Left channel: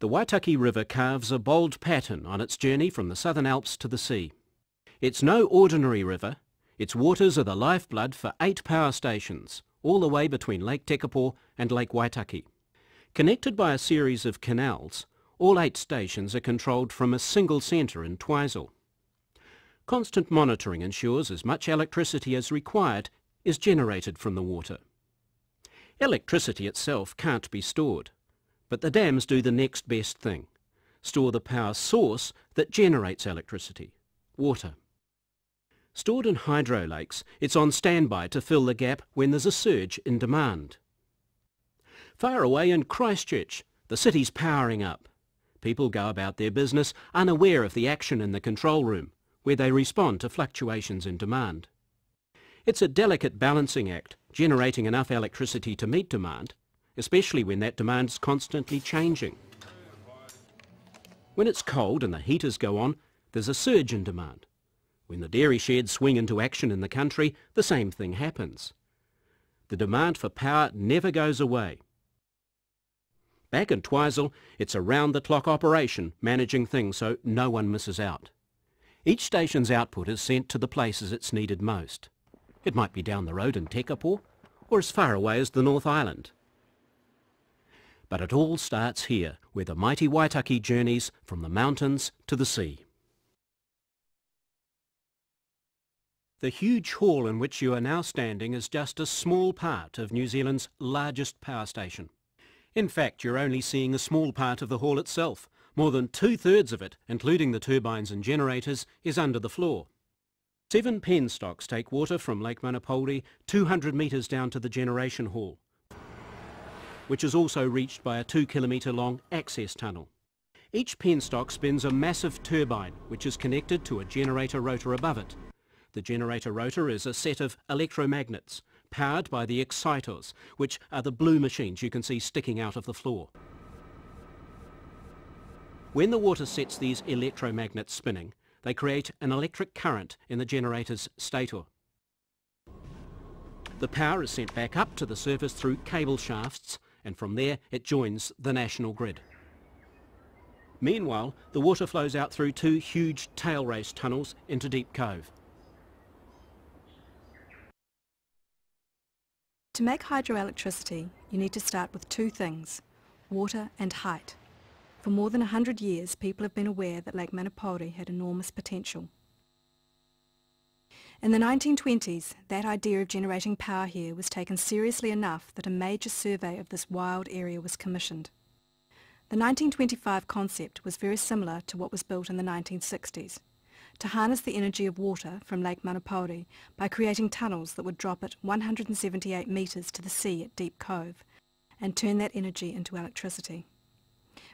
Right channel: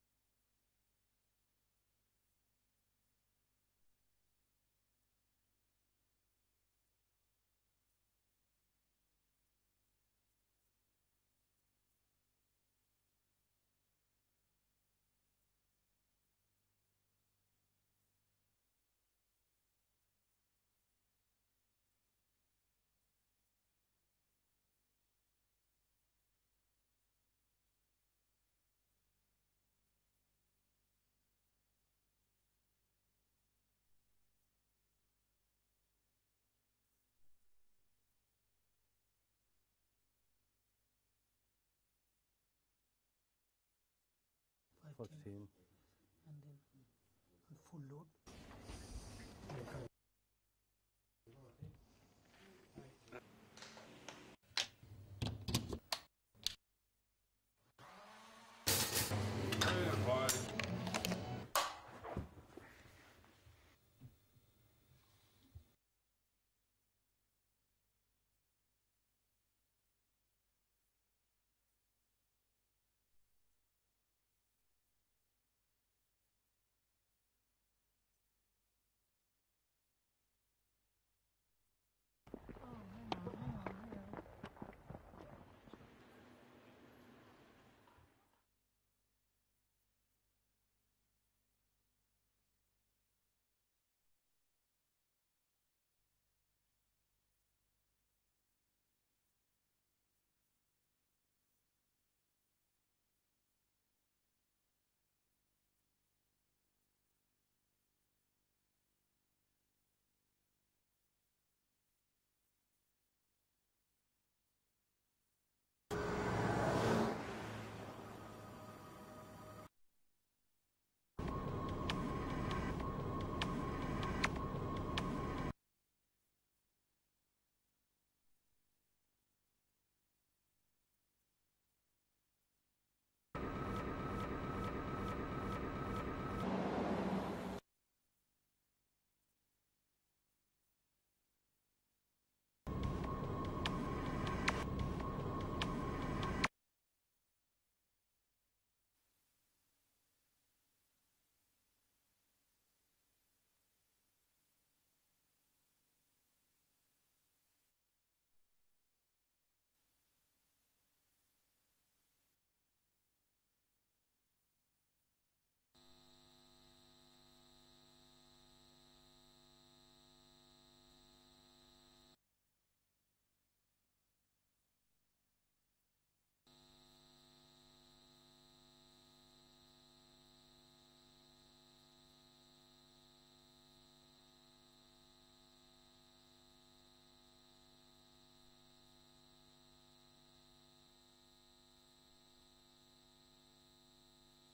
The Waitaki River carves a bold pattern on its journey from the Southern Alps to the sea. It's no ordinary river. Its waters are the lifeblood for 8 power stations, all the way between Lake Tekapo and Lake Waitaki. Connected by a series of canals, all 8 stations are controlled from a single centre in Twizel. Constant monitoring ensures as much electricity as required is generated from the water. Electricity itself can't be stored, but the dams do the next best thing: store the power source that generates electricity, water. Stored in hydro lakes, it's on standby to fill the gap when there's a surge in demand. Far away in Christchurch, the city's powering up. People go about their business unaware of the action in the control room, where they respond to fluctuations in demand. It's a delicate balancing act, generating enough electricity to meet demand, especially when that demand's constantly changing. When it's cold and the heaters go on, there's a surge in demand. When the dairy sheds swing into action in the country, the same thing happens. The demand for power never goes away. Back in Twizel, it's a round-the-clock operation, managing things so no one misses out. Each station's output is sent to the places it's needed most. It might be down the road in Tekapo, or as far away as the North Island. But it all starts here, where the mighty Waitaki journeys from the mountains to the sea. The huge hall in which you are now standing is just a small part of New Zealand's largest power station. In fact, you're only seeing a small part of the hall itself. More than 2/3 of it, including the turbines and generators, is under the floor. 7 penstocks take water from Lake Manapōuri 200 metres down to the generation hall, which is also reached by a 2-kilometre long access tunnel. Each penstock spins a massive turbine, which is connected to a generator rotor above it. The generator rotor is a set of electromagnets, powered by the excitors, which are the blue machines you can see sticking out of the floor. When the water sets these electromagnets spinning, they create an electric current in the generator's stator. The power is sent back up to the surface through cable shafts, and from there it joins the national grid. Meanwhile, the water flows out through 2 huge tail race tunnels into Deep Cove. To make hydroelectricity, you need to start with 2 things: water and height. For more than 100 years, people have been aware that Lake Manapōuri had enormous potential. In the 1920s, that idea of generating power here was taken seriously enough that a major survey of this wild area was commissioned. The 1925 concept was very similar to what was built in the 1960s, to harness the energy of water from Lake Manapōuri by creating tunnels that would drop it 178 metres to the sea at Deep Cove and turn that energy into electricity.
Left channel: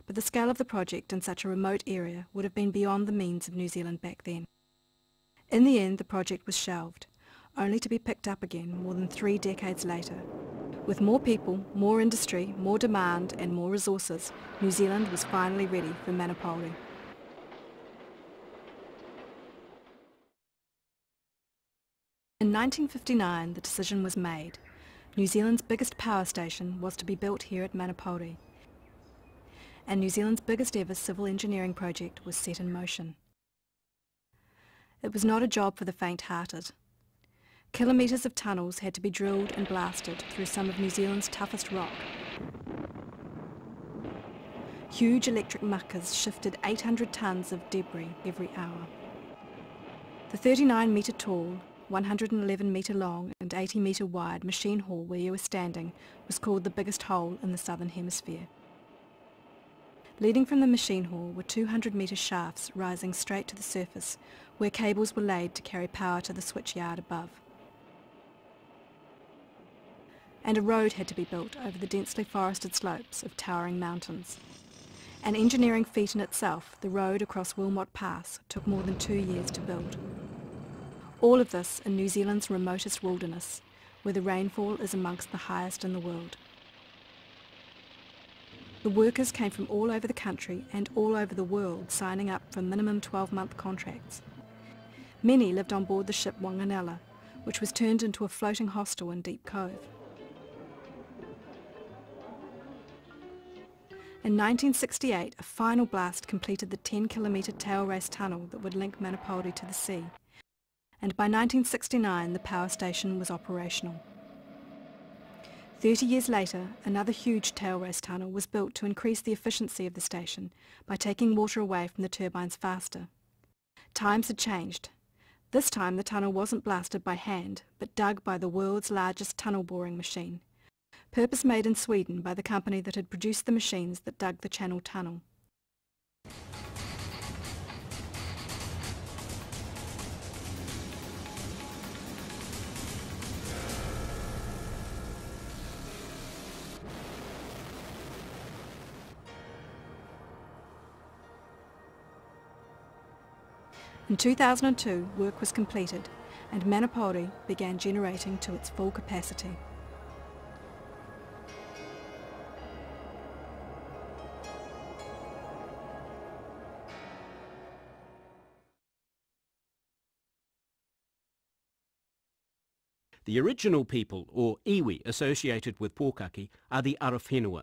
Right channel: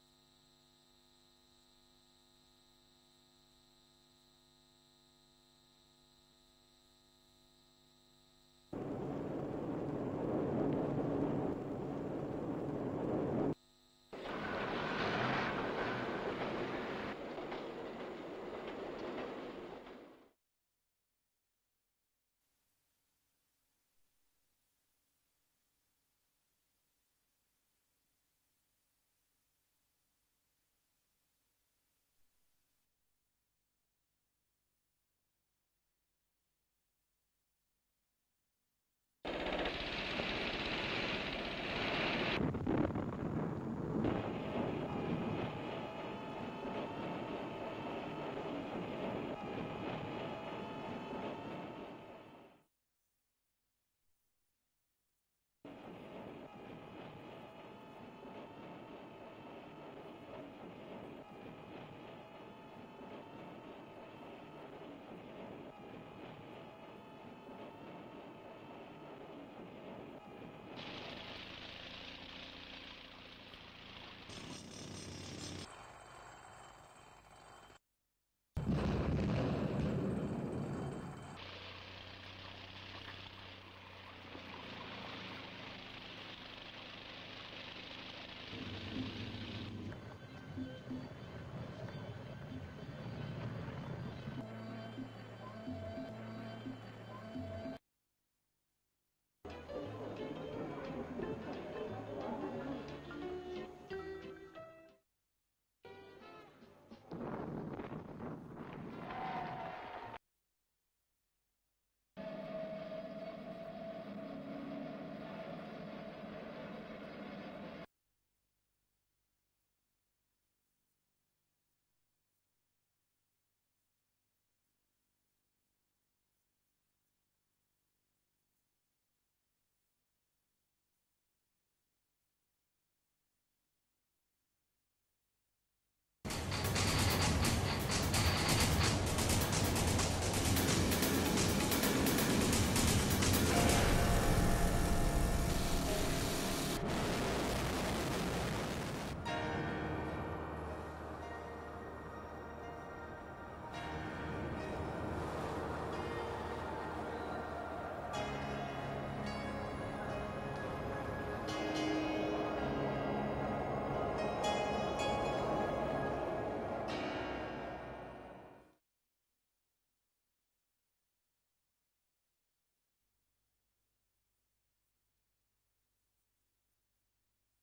But the scale of the project in such a remote area would have been beyond the means of New Zealand back then. In the end, the project was shelved, only to be picked up again more than 3 decades later. With more people, more industry, more demand and more resources, New Zealand was finally ready for Manapōuri. In 1959, the decision was made. New Zealand's biggest power station was to be built here at Manapōuri, and New Zealand's biggest ever civil engineering project was set in motion. It was not a job for the faint-hearted. Kilometres of tunnels had to be drilled and blasted through some of New Zealand's toughest rock. Huge electric muckers shifted 800 tonnes of debris every hour. The 39-metre tall, 111 metre long and 80 metre wide machine hall where you were standing was called the biggest hole in the southern hemisphere. Leading from the machine hall were 200 metre shafts rising straight to the surface where cables were laid to carry power to the switchyard above. And a road had to be built over the densely forested slopes of towering mountains. An engineering feat in itself, the road across Wilmot Pass took more than 2 years to build. All of this in New Zealand's remotest wilderness, where the rainfall is amongst the highest in the world. The workers came from all over the country and all over the world, signing up for minimum 12-month contracts. Many lived on board the ship Wanganella, which was turned into a floating hostel in Deep Cove. In 1968, a final blast completed the 10-kilometre tail race tunnel that would link Manapōuri to the sea, and by 1969 the power station was operational. 30 years later, another huge tail race tunnel was built to increase the efficiency of the station by taking water away from the turbines faster. Times had changed. This time the tunnel wasn't blasted by hand, but dug by the world's largest tunnel boring machine, purpose-made in Sweden by the company that had produced the machines that dug the Channel Tunnel. In 2002, work was completed and Manapōuri began generating to its full capacity. The original people, or iwi, associated with Pukaki are the Arowhenua.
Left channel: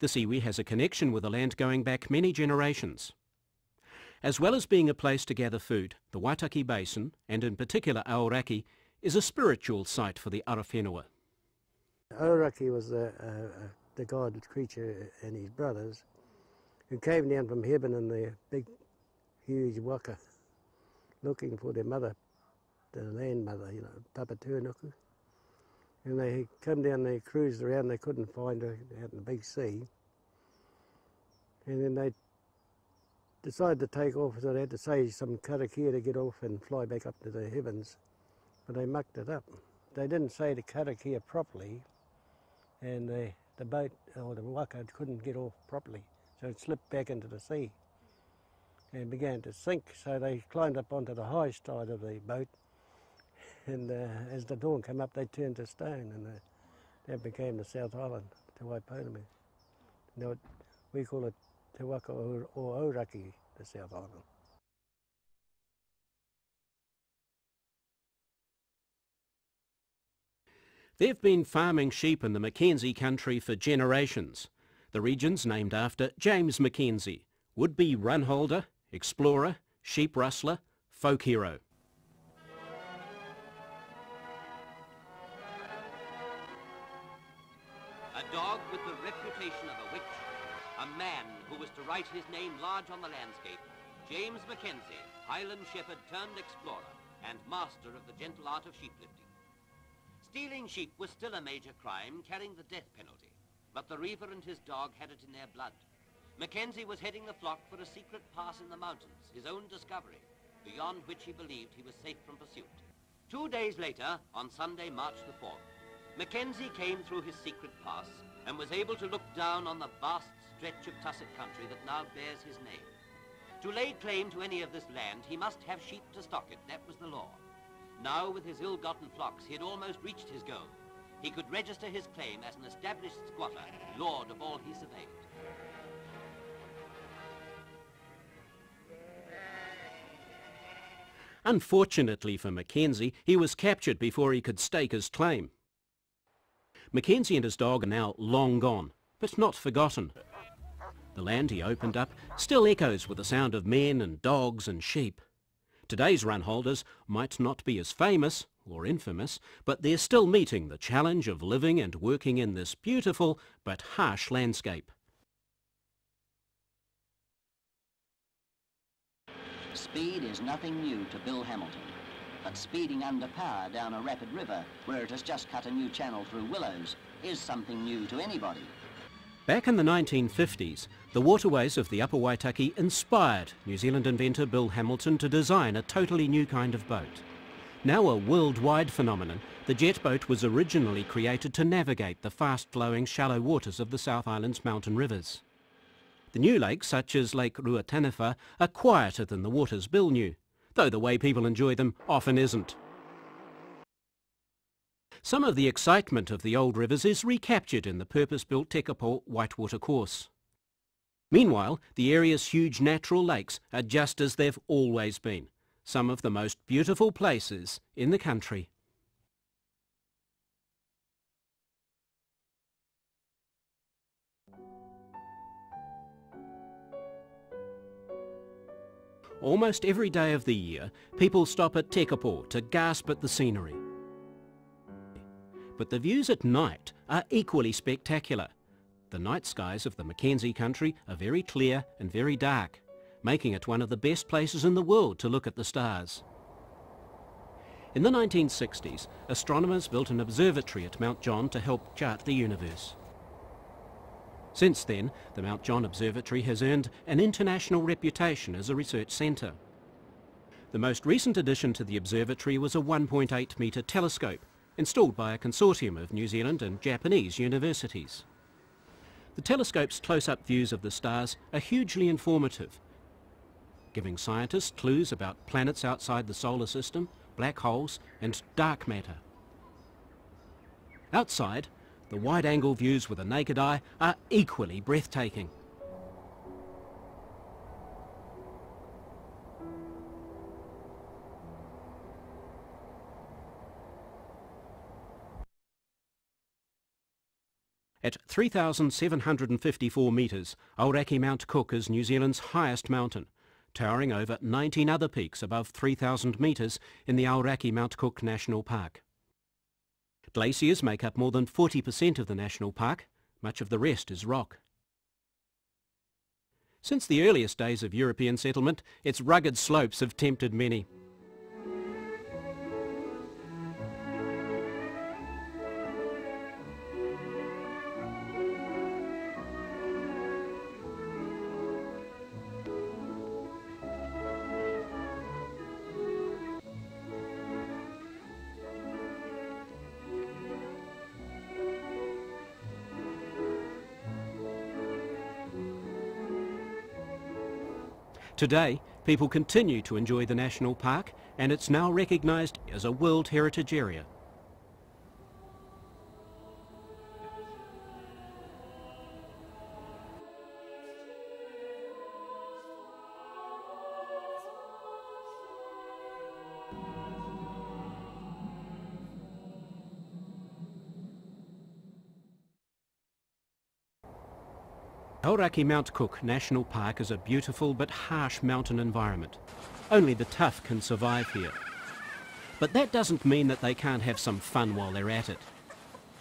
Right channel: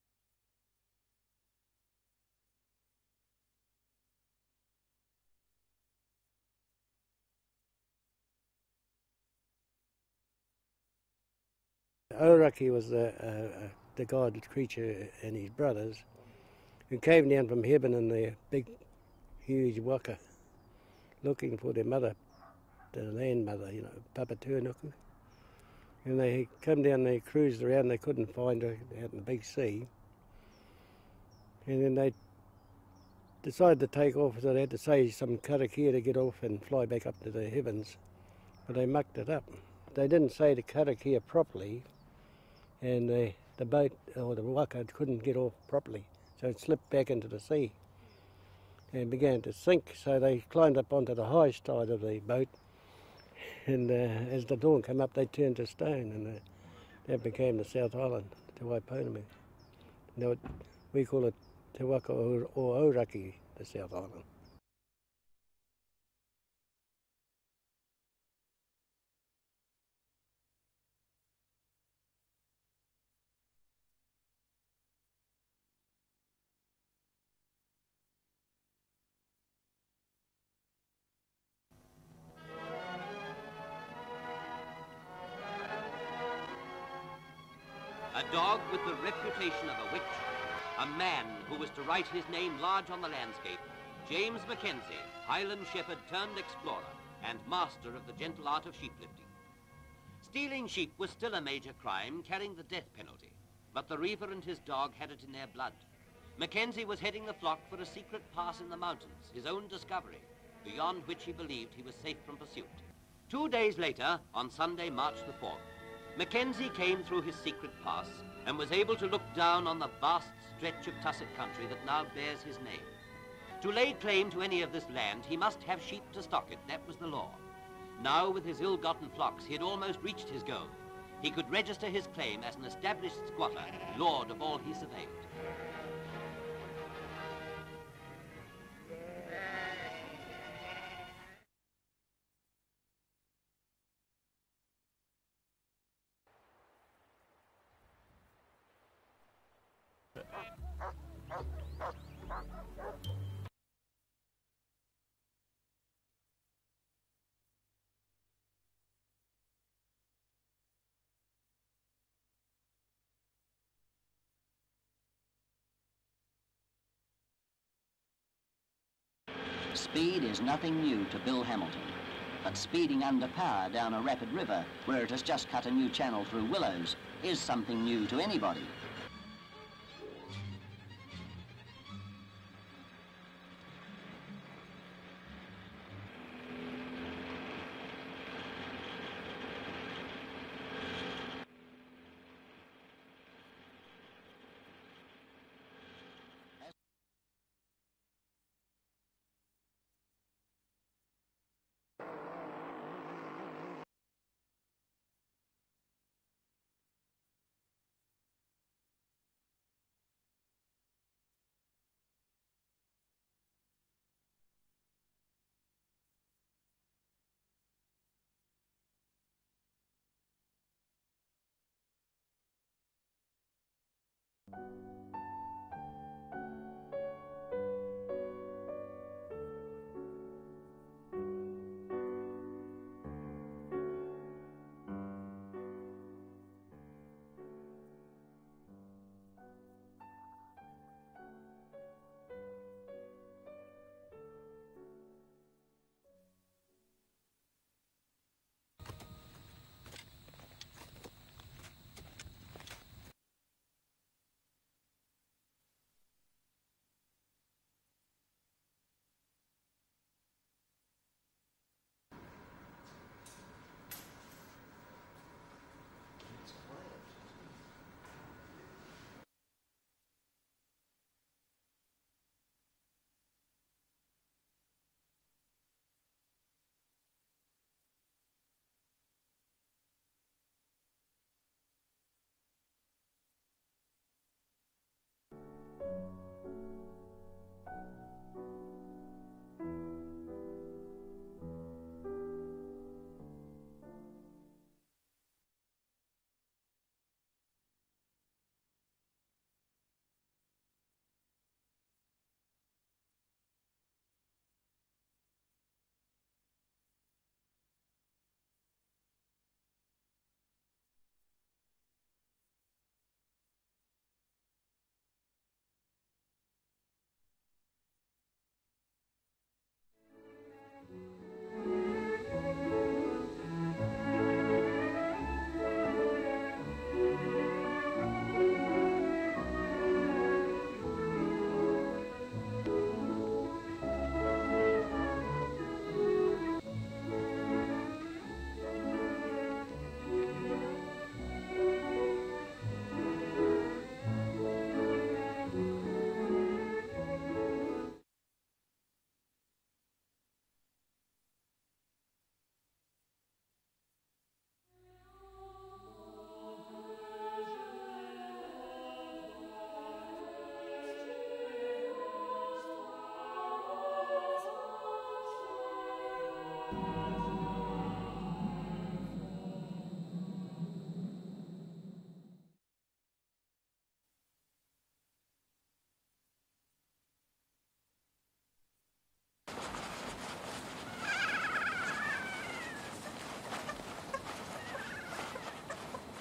This iwi has a connection with the land going back many generations. As well as being a place to gather food, the Waitaki Basin, and in particular Aoraki, is a spiritual site for the Arowhenua. Aoraki was the god creature and his brothers who came down from heaven in their big, huge waka, looking for their mother, the land mother, you know, Papa Tuanuku. And they come down, they cruised around, they couldn't find her out in the big sea. And then they decided to take off, so they had to say some karakia to get off and fly back up to the heavens. But they mucked it up. They didn't say the karakia properly, and the boat, or the waka, couldn't get off properly. So it slipped back into the sea and began to sink. So they climbed up onto the high side of the boat, and as the dawn came up, they turned to stone, and that became the South Island, Te Waiponemi. Now we call it Te Waka or Aoraki, the South Island. They've been farming sheep in the Mackenzie country for generations. The region's named after James Mackenzie, would-be runholder, explorer, sheep rustler, folk hero. A dog with the reputation of a witch, a man who was to write his name large on the landscape, James Mackenzie, Highland shepherd turned explorer and master of the gentle art of sheeplifting. Stealing sheep was still a major crime, carrying the death penalty, but the reaver and his dog had it in their blood. Mackenzie was heading the flock for a secret pass in the mountains, his own discovery, beyond which he believed he was safe from pursuit. 2 days later, on Sunday, March the 4th, Mackenzie came through his secret pass and was able to look down on the vast stretch of tussock country that now bears his name. To lay claim to any of this land, he must have sheep to stock it. That was the law. Now, with his ill-gotten flocks, he had almost reached his goal. He could register his claim as an established squatter, lord of all he surveyed. Unfortunately for Mackenzie, he was captured before he could stake his claim. Mackenzie and his dog are now long gone, but not forgotten. The land he opened up still echoes with the sound of men and dogs and sheep. Today's runholders might not be as famous or infamous, but they're still meeting the challenge of living and working in this beautiful but harsh landscape. Speed is nothing new to Bill Hamilton, but speeding under power down a rapid river where it has just cut a new channel through willows is something new to anybody. Back in the 1950s, the waterways of the Upper Waitaki inspired New Zealand inventor Bill Hamilton to design a totally new kind of boat. Now a worldwide phenomenon, the jet boat was originally created to navigate the fast-flowing shallow waters of the South Island's mountain rivers. The new lakes, such as Lake Ruataniwha, are quieter than the waters Bill knew, though the way people enjoy them often isn't. Some of the excitement of the old rivers is recaptured in the purpose-built Tekapo whitewater course. Meanwhile, the area's huge natural lakes are just as they've always been, some of the most beautiful places in the country. Almost every day of the year, people stop at Tekapo to gasp at the scenery. But the views at night are equally spectacular. The night skies of the Mackenzie country are very clear and very dark, making it one of the best places in the world to look at the stars. In the 1960s, astronomers built an observatory at Mount John to help chart the universe. Since then, the Mount John Observatory has earned an international reputation as a research centre. The most recent addition to the observatory was a 1.8 metre telescope, installed by a consortium of New Zealand and Japanese universities. The telescope's close-up views of the stars are hugely informative, giving scientists clues about planets outside the solar system, black holes and dark matter. Outside, the wide-angle views with the naked eye are equally breathtaking. At 3,754 metres, Aoraki Mount Cook is New Zealand's highest mountain, towering over 19 other peaks above 3,000 metres in the Aoraki Mount Cook National Park. Glaciers make up more than 40% of the national park, much of the rest is rock. Since the earliest days of European settlement, its rugged slopes have tempted many. Today, people continue to enjoy the national park, and it's now recognised as a World Heritage Area. Aoraki Mount Cook National Park is a beautiful but harsh mountain environment. Only the tough can survive here. But that doesn't mean that they can't have some fun while they're at it.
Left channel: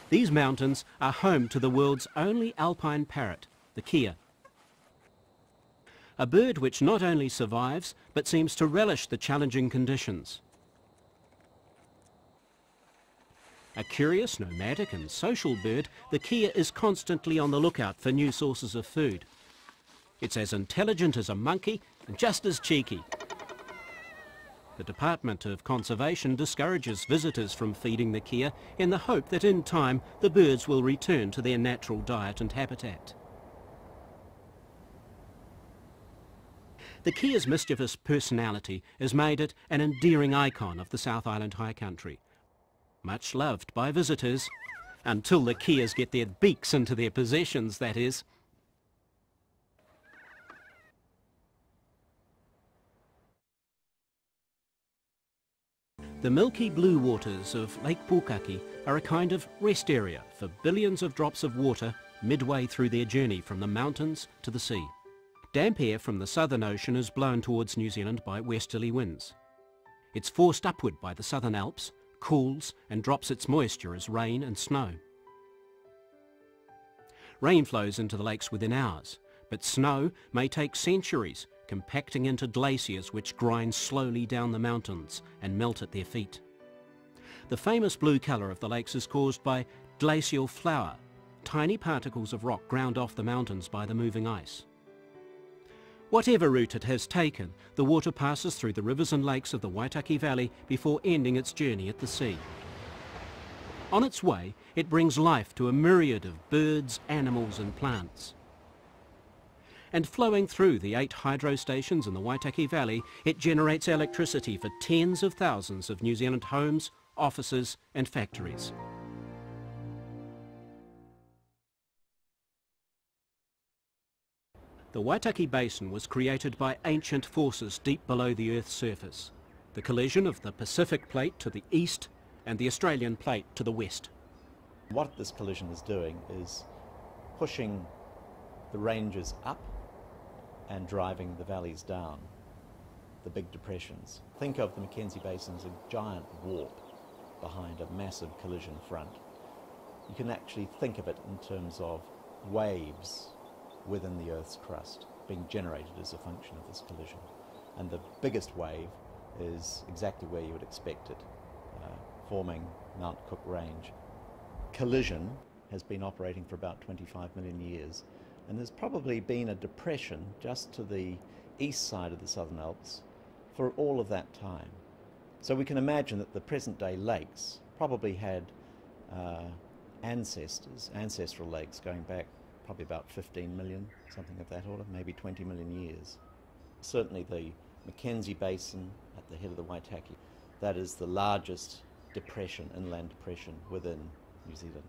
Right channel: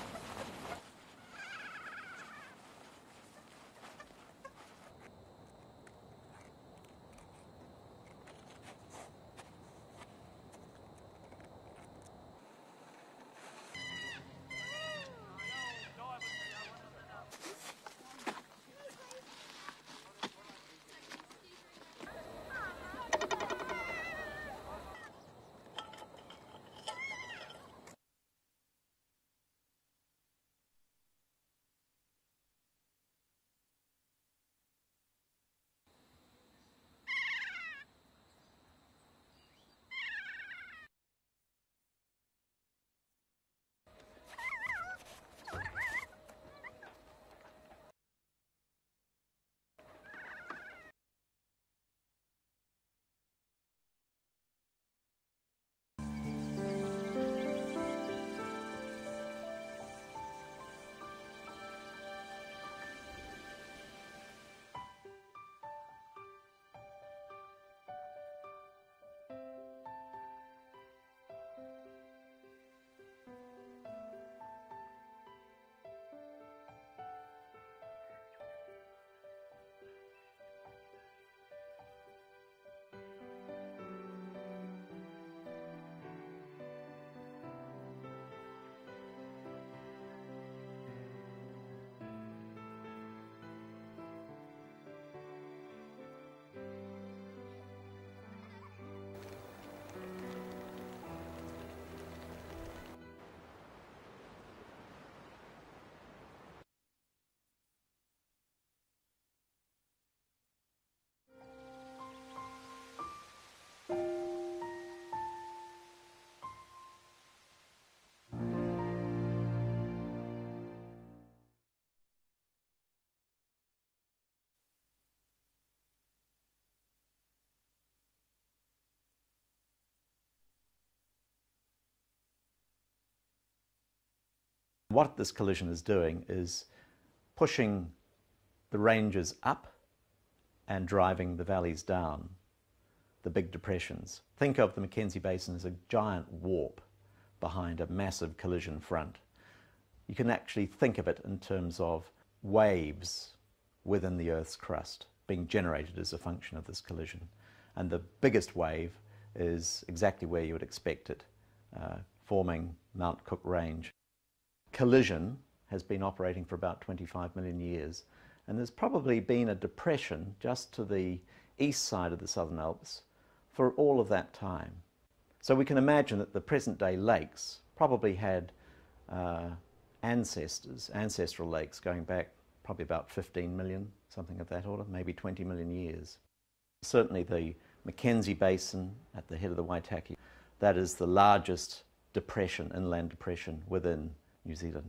These mountains are home to the world's only alpine parrot, the kea. A bird which not only survives, but seems to relish the challenging conditions. A curious, nomadic and social bird, the kea is constantly on the lookout for new sources of food. It's as intelligent as a monkey and just as cheeky. The Department of Conservation discourages visitors from feeding the kea in the hope that in time the birds will return to their natural diet and habitat. The kea's mischievous personality has made it an endearing icon of the South Island High Country. Much loved by visitors, until the keas get their beaks into their possessions, that is. The milky blue waters of Lake Pukaki are a kind of rest area for billions of drops of water midway through their journey from the mountains to the sea. Damp air from the Southern Ocean is blown towards New Zealand by westerly winds. It's forced upward by the Southern Alps, cools and drops its moisture as rain and snow. Rain flows into the lakes within hours, but snow may take centuries, compacting into glaciers which grind slowly down the mountains and melt at their feet. The famous blue colour of the lakes is caused by glacial flour, tiny particles of rock ground off the mountains by the moving ice. Whatever route it has taken, the water passes through the rivers and lakes of the Waitaki Valley before ending its journey at the sea. On its way, it brings life to a myriad of birds, animals and plants. And flowing through the 8 hydro stations in the Waitaki Valley, it generates electricity for tens of thousands of New Zealand homes, offices and factories. The Waitaki Basin was created by ancient forces deep below the Earth's surface, the collision of the Pacific Plate to the east and the Australian Plate to the west. What this collision is doing is pushing the ranges up and driving the valleys down. the big depressions. Think of the Mackenzie Basin as a giant warp behind a massive collision front. You can actually think of it in terms of waves within the Earth's crust being generated as a function of this collision. And the biggest wave is exactly where you would expect it, forming Mount Cook Range. Collision has been operating for about 25 million years, and there's probably been a depression just to the east side of the Southern Alps for all of that time. So we can imagine that the present-day lakes probably had ancestral lakes going back probably about 15 million, something of that order, maybe 20 million years. Certainly the Mackenzie Basin at the head of the Waitaki, that is the largest depression, inland depression within New Zealand.